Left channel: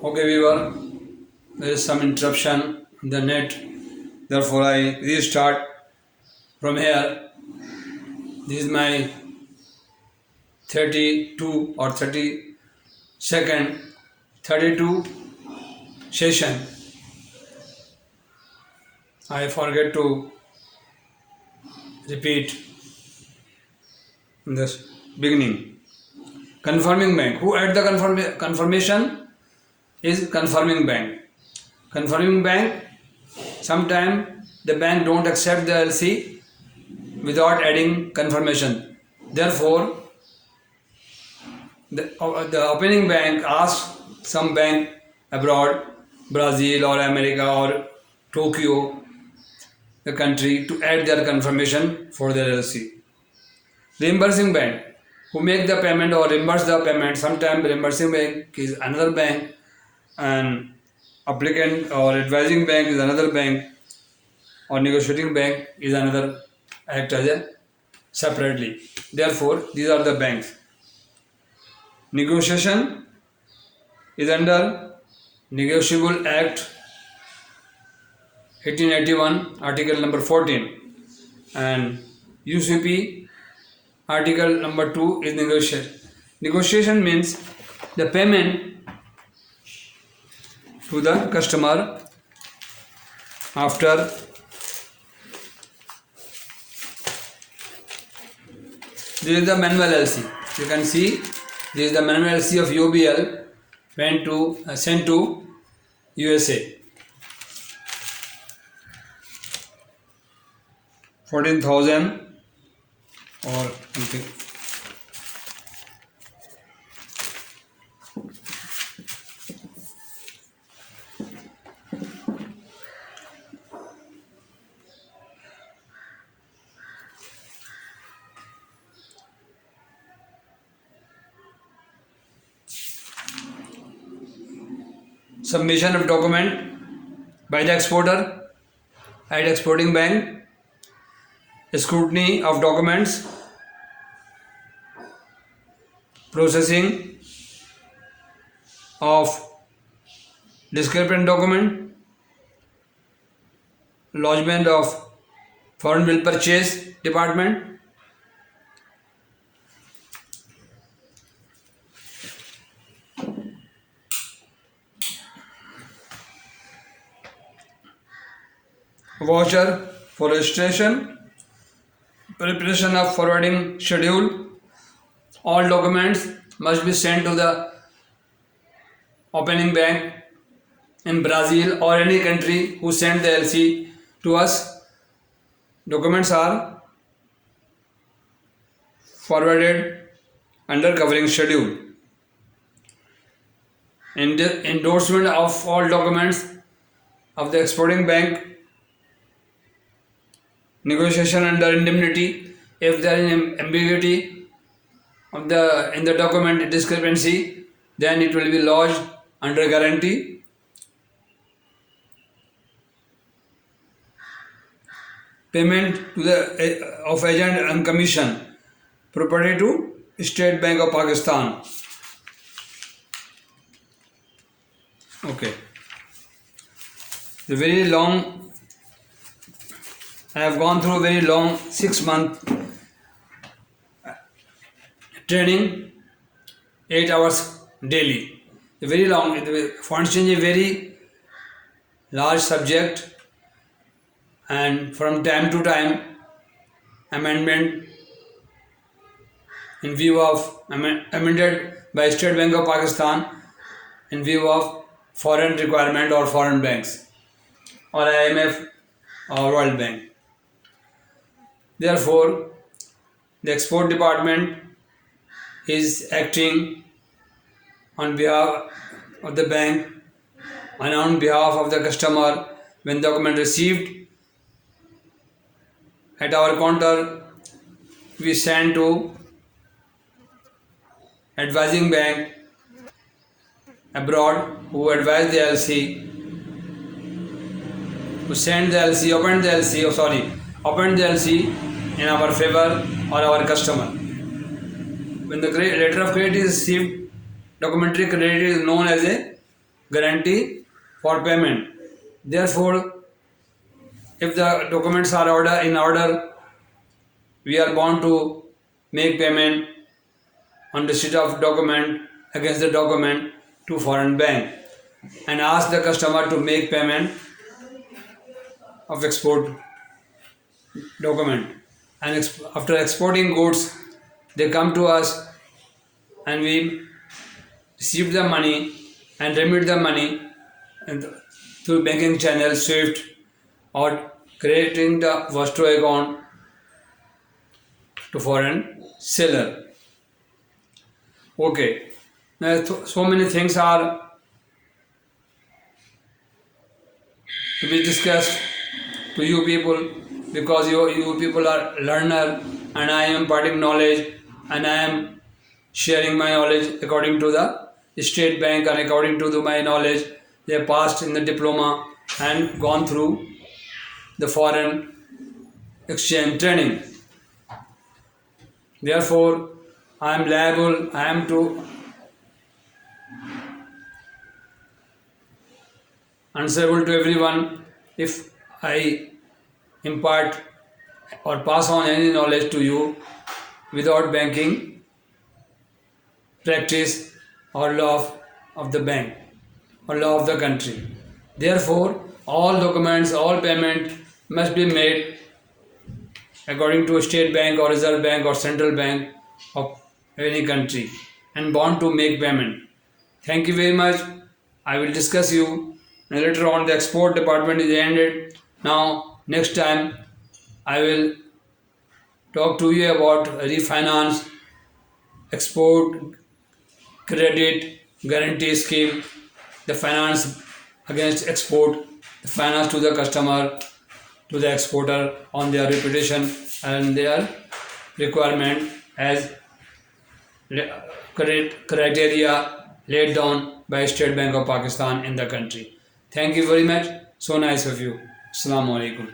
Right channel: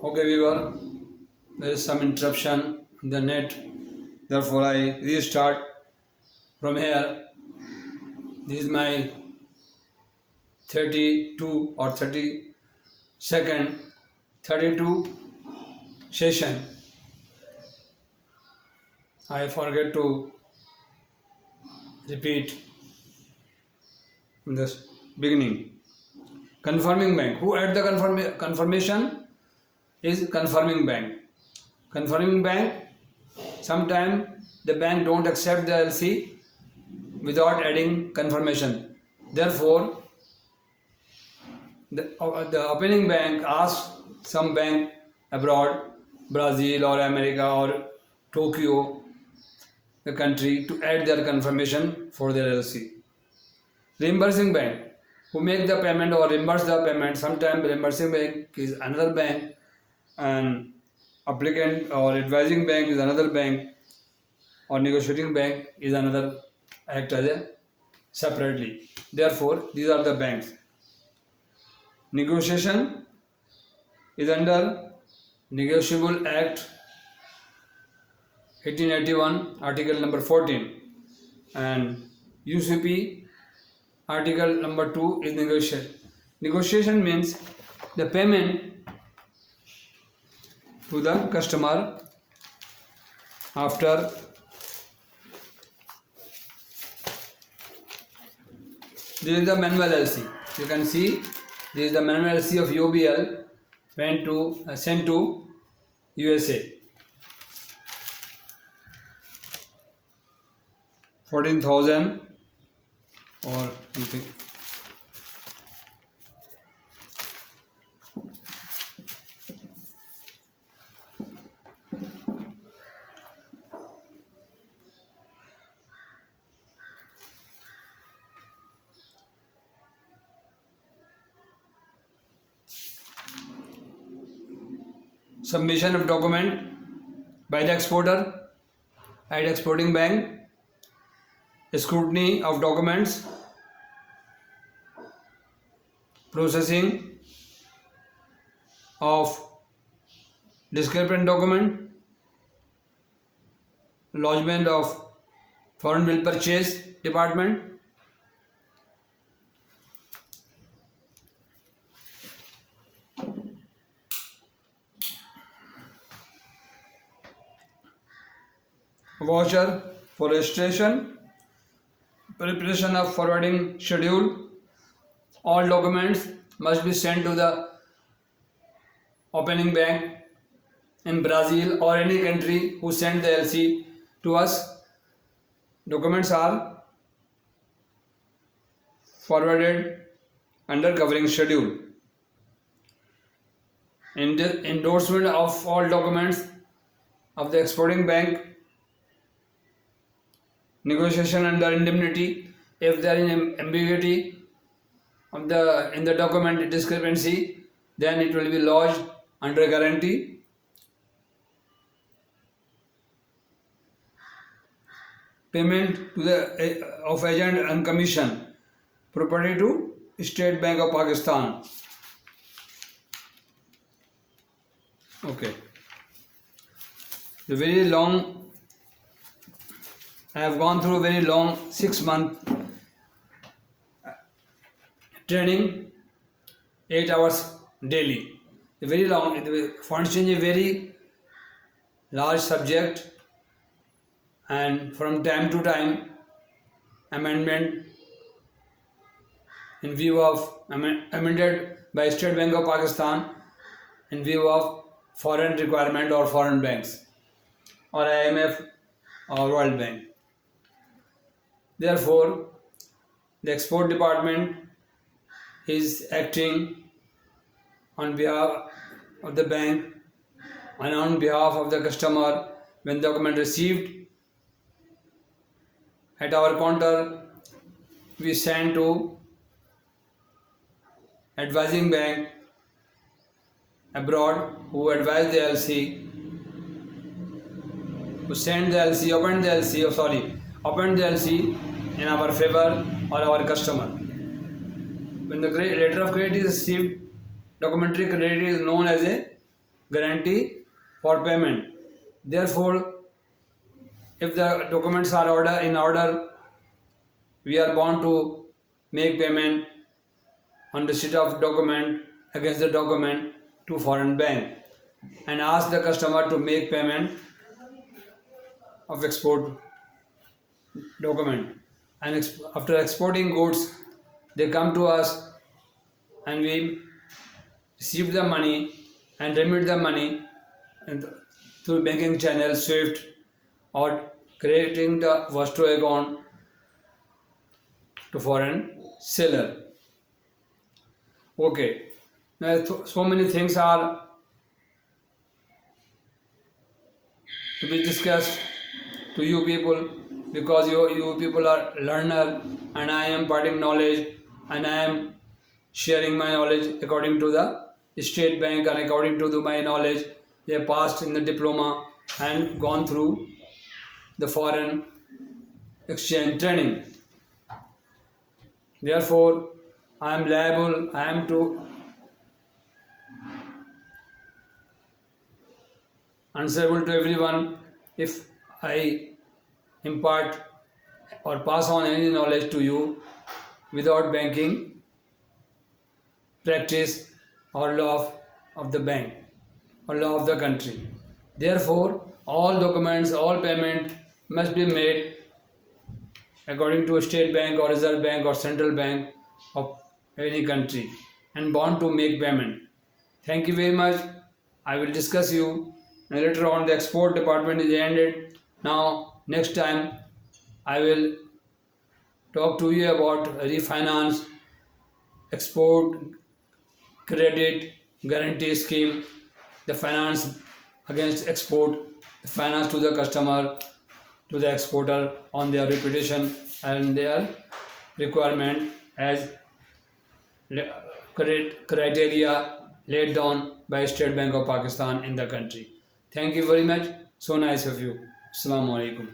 Okay, viewer, there is some interruption in the net, therefore I restart from here. This is my 32 or 32 session. I forget to repeat in this beginning. Confirming bank. Who add the confirmation is confirming bank. Confirming bank, sometimes the bank don't accept the LC without adding confirmation. Therefore, the opening bank asks some bank abroad, Brazil or America or Tokyo, the country, to add their confirmation for their LC. Reimbursing bank, who make the payment or reimburse the payment. Sometimes reimbursing bank is another bank and applicant or advising bank is another bank, or negotiating bank is another, act as a separately. Therefore, these are the banks. Negotiation is under Negotiable Act 1881, Article number 14, and UCP Article number 2 is negotiation. Negotiation means the payment to the customer after this is the manual LC. You can see this is the manual LC of UBL sent to USA. 14,000 or something. Submission of document by the exporter at exporting bank. Scrutiny of documents. Processing of discrepant document. Lodgement of foreign bill purchase department. Voucher for registration. Preparation of forwarding schedule. All documents must be sent to the opening bank in Brazil or any country who sent the LC to us. Documents are forwarded under covering schedule. Endorsement of all documents of the exporting bank. Negotiation under indemnity. If there is ambiguity of in the document discrepancy, then it will be lodged under guarantee. Payment to the of agent and commission property to State Bank of Pakistan. Okay. The very long. I have gone through a very long 6-month training, 8 hours daily. Very long. Foreign exchange is a very large subject, and from time to time, amendment in view of amended by State Bank of Pakistan in view of foreign requirement or foreign banks or IMF or World Bank. Therefore, the export department is acting on behalf of the bank and on behalf of the customer. When document received at our counter, we send to advising bank abroad who advise the LC, who send the LC, open the LC in our favor or our customer. When the letter of credit is received, documentary credit is known as a guarantee for payment. Therefore, if the documents are in order, we are bound to make payment on receipt of document against the document to foreign bank and ask the customer to make payment of export document. And after exporting goods, they come to us and we receive the money and remit the money through banking channel SWIFT or creating the Vostro account to foreign seller. Okay, now so many things are to be discussed to you people, because you people are learner and I am imparting knowledge and I am sharing my knowledge according to the state bank and according to my knowledge they have passed in the diploma and gone through the foreign exchange training. Therefore, I am liable, I am to answerable to everyone if I impart or pass on any knowledge to you without banking practice or law of the bank or law of the country. Therefore, all documents, all payment must be made according to a state bank or reserve bank or central bank of any country and bound to make payment. Thank you very much. I will discuss you later on. The export department is ended. Now next time I will talk to you about refinance, export credit guarantee scheme, the finance against export, the finance to the customer, to the exporter on their reputation and their requirement as criteria laid down by State Bank of Pakistan in the country. Thank you very much. So nice of you. Assalamu alaikum.